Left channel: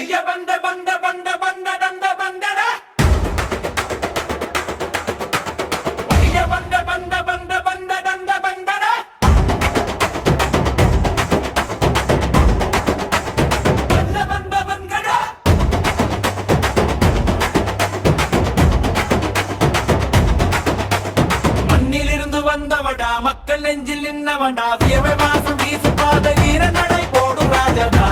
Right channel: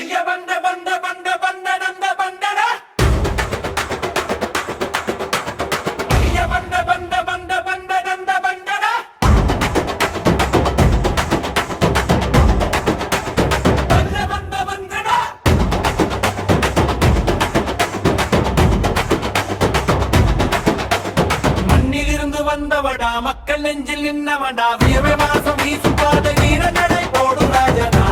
ஐய வந்த வந்த வந்த வந்த நந்த வந்தட ஐய வந்த வந்த வந்த வந்த நந்த வந்தட வந்த வந்த வந்தட மண்ணிலிருந்து வந்தவடா மக்கள் நெஞ்சில் நின்னவடா வியவை வாசம் வீசும் பாதை வீர நடை போடும் ராஜனா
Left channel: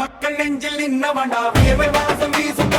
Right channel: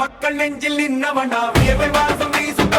மக்கள் நெஞ்சில் நின்னவடா வியர்வை வாசம் வீசும்